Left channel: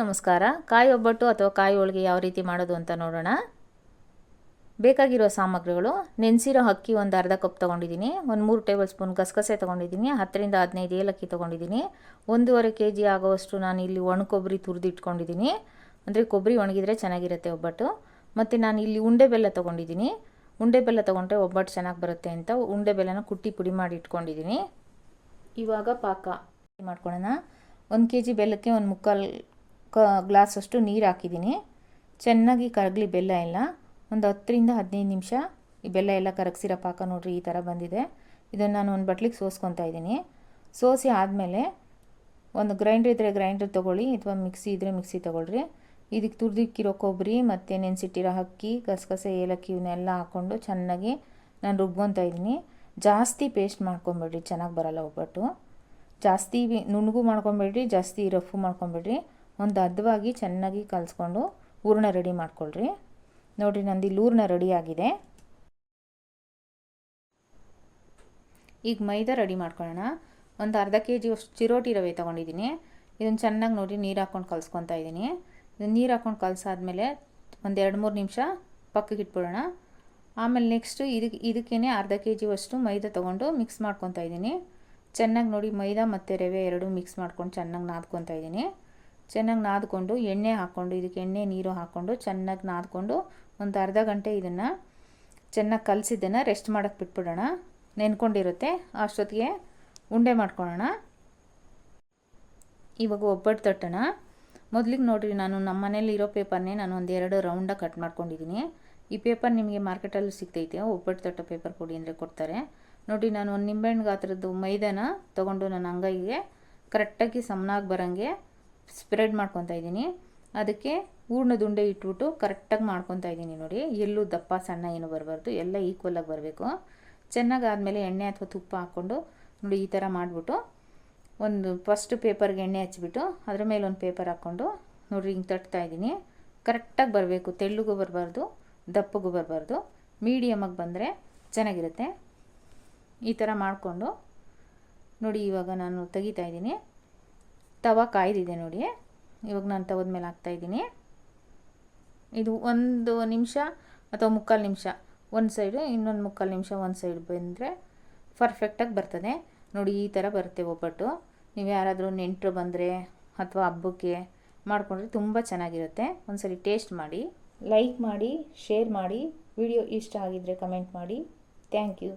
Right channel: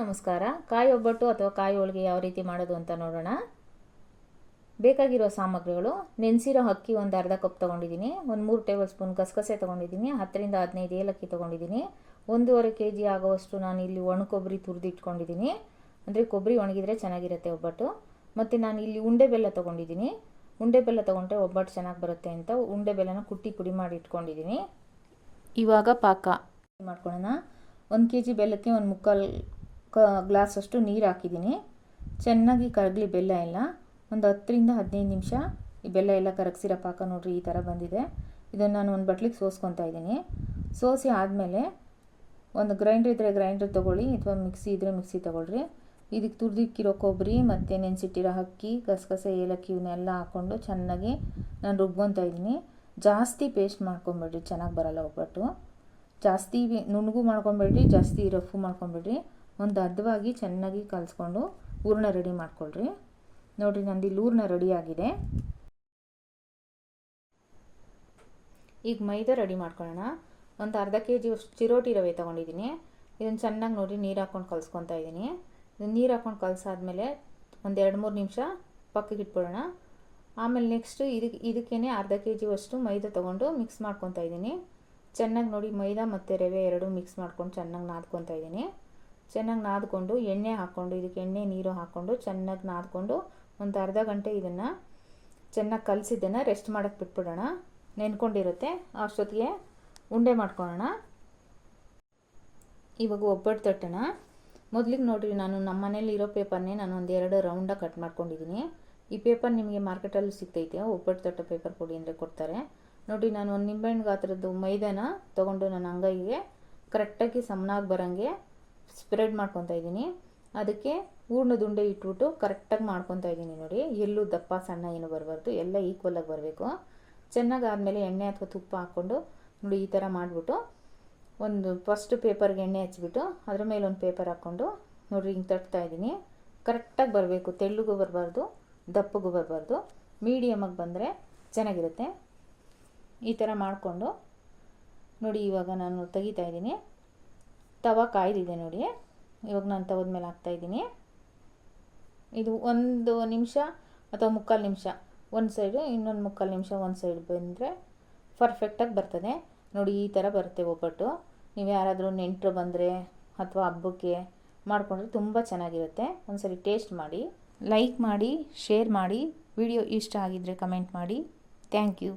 ನಮಸ್ಕಾರ. ಕಾಯಿ ಒಬ್ಬಟ್ಟು ಅಥವಾ ಕಾಯಿ ಹೋಳಿಗೆ ಯಾವ ರೀತಿ ಮಾಡೋದು ಅಂತ ನೋಡೋಣ. ಬೇಕಾಗಿರೋ ಸಾಮಗ್ರಿಗಳು: ನೆನೆಸಿರೋ ಅಕ್ಕಿ ಒಂದು ಅರ್ಧ ಕಪ್ ತೊಗೊಂಡಿದ್ದೀನಿ, ಒಂದು 3 ಟೇಬಲ್ ಸ್ಪೂನ್ ಗಸಗಸೆ ತೊಗೊಂಡಿದ್ದೀನಿ, 10 ರಿಂದ 15 ಏಲಕ್ಕಿ ತೊಗೊಂಡಿದ್ದೀನಿ, 1.5 kg ಆಗೋವಷ್ಟು ನಾನು ಇಲ್ಲಿ ಒಣ ಕೊಬ್ಬರಿ ತುರಿದಿಟ್ಕೊಂಡಿದ್ದೀನಿ. ಅಂದರೆ ಕೊಬ್ಬರಿ ಒಣಗಿದ್ರೆ ಚೆನ್ನಾಗಿರುತ್ತೆ ಒಬ್ಬಟ್ಟು. ಮತ್ತು ನಾನು ಇಲ್ಲಿ ಉಂಡೆ ಬೆಲ್ಲ ತೊಗೊಂಡಿದ್ದೀನಿ. ಉಂಡೆ ಬೆಲ್ಲ ತೊಗೊಂಡ್ರೆ ಒಬ್ಬಟ್ಟು ಚೆನ್ನಾಗಿ ಬರುತ್ತೆ ಅಂತ ಉಂಡೆ ಬೆಲ್ಲನ ಕುಟ್ಟಿ ಪುಡಿ ಮಾಡಿ ಇಟ್ಕೊಂಡಿದ್ದೀನಿ. ಇವಾಗ ಪಾಕ ಮಾಡ್ಕೊಳ್ಳೋಣ. 1 kg ಬೆಲ್ಲಕ್ಕೆ 1/4 ಗ್ಲಾಸಷ್ಟು ನೀರು ಹಾಕಿದ್ದೀನಿ. ಚೆನ್ನಾಗಿ ಕರಗಲಿ ಬೆಲ್ಲ ಎಲ್ಲ. ಒಂದು 10 ರಿಂದ 15 ನಿಮಿಷ ಈ ಬೆಲ್ಲ ಎಲ್ಲ ಕರಗಿಸಿರೋ ಪಾಕ ನೋಡ್ರಿ ಈ ಥರ ಬಂದಿದೆ. ಇದನ್ನು ನಾನು ಒಂದು ಬಟ್ಲಿಗೆ ಸೋಸ್ಕೊತಾ ಇದ್ದೀನಿ. ಸೋಸಿ ಆದಮೇಲೆ ಒಂದು ಗ್ರೈಂಡ್ರ್ ಇದ್ದರೆ ಗ್ರೈಂಡ್ರ್ ತೊಗೊಳ್ಳಿ, ಅಥವಾ ಮಿಕ್ಸಿ ಇದ್ದರೆ ಮಿಕ್ಸಿ ತೊಗೊಳ್ರಿ. ಇದಕ್ಕೆ ತುರಿದಿಕ್ಕಿರೋ ಕೊಬ್ಬರಿ ಮತ್ತು ನೆನೆಸಿಟ್ಟಿರೋ ಅಕ್ಕಿ, ಗಸಗಸೆ, ಏಲಕ್ಕಿ ಇವನ್ನೆಲ್ಲ ಹಾಕ್ಕೊಂಡು ಚೆನ್ನಾಗಿ ನಾನು ರುಬ್ಕೊತಾ ಇದ್ದೀನಿ. ಜಾಸ್ತಿ ಪೇಸ್ಟ್ ಮಾಡ್ಕೊಬೇಡ್ರಿ, ಚೆನ್ನಾಗಿ ಬರಲ್ಲ ಒಬ್ಬಟ್ಟು. ಜಾಸ್ತಿ ನುಣ್ಣಗೂ ಮಾಡ್ಕೊಬೇಡ್ರಿ, ಜಾಸ್ತಿ ರಫು ಮಾಡ್ಕೊಬೇಡ್ರಿ. ಒಂದು ಹದವಾಗಿ ಚೆನ್ನಾಗಿ ಕಲಿಸ್ಕೊಂಡು ಹೂರಣ ರೆಡಿ ಮಾಡ್ಕೊಳ್ರಿ. ನೋಡಿರಿ, ನಂದು ಇಲ್ಲಿ ಹೂರಣ ರೆಡಿ ಆಗಿದೆ. ಈಗ ಮೈದಾ ರೆಡಿ ಮಾಡ್ಕೊಳ್ಳೋಣ. ಒಂದು ಅರ್ಧ kg ಅಷ್ಟು ಚಿರೋಟಿ ರವೆ ತೊಗೊಂಡಿದ್ದೀನಿ. ಇದನ್ನು ಚೆನ್ನಾಗಿ ನೋಡಿ ನೀರು ಹಾಕ್ಕೊಂಡು ಕಲಿಸ್ಕೊತಾ ಇದ್ದೀನಿ. ಇದನ್ನು ನೀರು ಹಾಕ್ಕೊಂಡು ಕಲಸಾದ್ಮೇಲೆ ಒಂದು 2-3 ನಿಮಿಷ ಪಕ್ಕಕ್ಕೆ ಇಟ್ಬಿಡೋಣ. ಆಮೇಲೆ ನೆಕ್ಸ್ಟು ಇದಕ್ಕೇ ಅರ್ಧ kg ಅಷ್ಟು ಮೈದಾ ತೊಗೊಂಡು ಮಿಕ್ಸ್ ಮಾಡ್ಕೊತಾ ಇದ್ದೀನಿ. ಚೆನ್ನಾಗಿ ನೋಡಿ ಮೈದಾ ಮತ್ತು ರವೆ ಎರಡೂ ಮಿಕ್ಸ್ ಮಾಡ್ಕೊಂಡು ಚೆನ್ನಾಗಿ ನಾದ್ಕೊತಾ ಇದ್ದೀನಿ. ಚೆನ್ನಾಗಿ ನಾದ್ಕೊಂಡು ಎಣ್ಣೆ ಹಾಕ್ಕೊಂಡು, ಇದಕ್ಕೆ ಎಣ್ಣೆ ನೀರು ಹಾಕ್ಕೊಂಡು ಚೆನ್ನಾಗಿ ನಾದ್ಕೊಂಡು ಒಂದು ಅರ್ಧ ಗಂಟೆ ಇದನ್ನು ಚೆನ್ನಾಗಿ ಕಲಸಿದ್ದನ್ನು ರೆಸ್ಟ್ ಮಾಡೋಕ್ಕೆ ಬಿಟ್ಬಿಡೋಣ. ನೆನ್ಕೊಂಡಿರುತ್ತೆ. ಅಷ್ಟೊತ್ತಿಗೆ ಉಂಡೆ ಮಾಡ್ಕೊಳ್ಳೋಣ. ಇವಾಗ ಒಬ್ಬಟ್ಟು ತಟ್ಟೋಣ. ಮೊದಲಿಗೆ ನೋಡಿರಿ, ನಾನು ನಮ್ಮ ಮನೇಲಿ ಇರೋ ಪೇಪರ್ನೇ ನಾನು ಒಂದು 2 ರೌಂಡಾಗಿ ಕಟ್ ಮಾಡ್ಕೊಂಡಿದ್ದೀನಿ. ಈ ಪೇಪರ್ ನಿಮಗೆ ಮಾರ್ಕೆಟಲ್ಲಿ ಸಿಗ್ತೈತೆ. ಒಬ್ಬಟ್ಟು ತಟ್ಟೋ ಪೇಪರ್ ಕೊಡಿ ಅಂದರೆ ಕೊಡ್ತಾರೆ. ನೋಡಿ, ನಾನು ಒಂದು ನಿಂಬೆಹಣ್ಣು ಗಾತ್ರದ್ದು ಮೈದಾನ ತೊಗೊಂಡು ನನ್ನ ಅಂಗೈಗೆ ಕರೆಕ್ಟಾಗಿ ಸಮನಾಗಿ ಬರೋಂಗೆ ಸ್ಪ್ರೆಡ್ ಮಾಡ್ಕೊತಾ ಇದ್ದೀನಿ. ಅದಕ್ಕೆ ಹೂರ್ಣದ ಉಂಡೆ ಇಟ್ಬಿಟ್ಟು ಕರೆಕ್ಟಾಗಿ ಮಾಡ್ಕೊತಾ ಇದ್ದೀನಿ. ನೋಡಿ, ಎಲ್ಲೂ ದಪ್ಪ ಸಣ್ಣ ಏನು ಬರಬಾರ್ದು, ಎಲ್ಲ ಈಕ್ವಲಾಗಿ ಬರಬೇಕು. ಚೆನ್ನಾಗಿ ಆದಮೇಲೆ ಎಣ್ಣೆ ಅಥವಾ ತುಪ್ಪ ಹಾಕ್ಕೊಂಡು ನೋಡಿ ಈ ಥರ ಮಾಡಿಬಿಟ್ಟು ಒಂದು ಫಸ್ಟ್ ಪೇಪರ್ಗೆ ಎಣ್ಣೆ ಹಚ್ಬಿಟ್ಟು ಅದ್ರ ಮೇಲೆ ಒಂದು ಪೇಪರ್ ಹಾಕ್ಕೊಂಡು ನೋಡಿರಿ ಹಿಂಗೆ ತಟ್ತಾ ಇದ್ದೀನಿ. ಕರೆಕ್ಟಾಗಿ ಬರಬೇಕು, ತೆಳ್ಳಗೂ ಬರಬಾರ್ದು, ದಪ್ಪಗೂ ಬರಬಾರ್ದು, ಮೀಡಿಯಮಾಗಿ ಬಂದರೆ ಚೆನ್ನಾಗಿರುತ್ತೆ. ಈ ಥರ ಮಾಡಿಕೊಂಡು ನೋಡಿ ಇವಾಗ ನಾನು ತೆಗಿತಾ ಇದ್ದೀನಿ. ತವ ಕಾಯ್ದಿದೆ ನೋಡಿ. ಇವಾಗ ನಾನು ತವದ ಮೇಲೆ ಹಾಕ್ತಾಯಿದ್ದೀನಿ. ಇದು 1 ನಿಮಿಷ ಅಥವಾ 3/4 ನಿಮಿಷ ಒಂದು ಸೈಡು, ಇನ್ನೊಂದು 3/4 ನಿಮಿಷ ಒಂದು ಸೈಡ್ ಬಂದರೆ ಪರ್ಫೆಕ್ಟಾಗಿ ಬರ್ತದೆ. ನೋಡಿ ಈ ಥರ ಬರುತ್ತೆ ಒಬ್ಬಟ್ಟು. ನೀವು ಯಾರಾದರೂ ನೆಂಟರು ಬಂದರೆ ಅಥವಾ ಹಬ್ಬಕ್ಕೆ ಮಾಡಿಕೊಂಡ್ರೆ ತುಂಬ ಚೆನ್ನಾಗಿರುತ್ತೆ. ಒಂದ್ಸರಿ ಟೇಸ್ಟ್ ಮಾಡಿ. ಲೈಕ್ ಮಾಡಿ, ಶೇರ್ ಮಾಡಿ. ವಿಡಿಯೋ ಇಷ್ಟ ಆಗಿದ್ದರೆ ಕಮೆಂಟ್ ಮಾಡಿ. Thank you.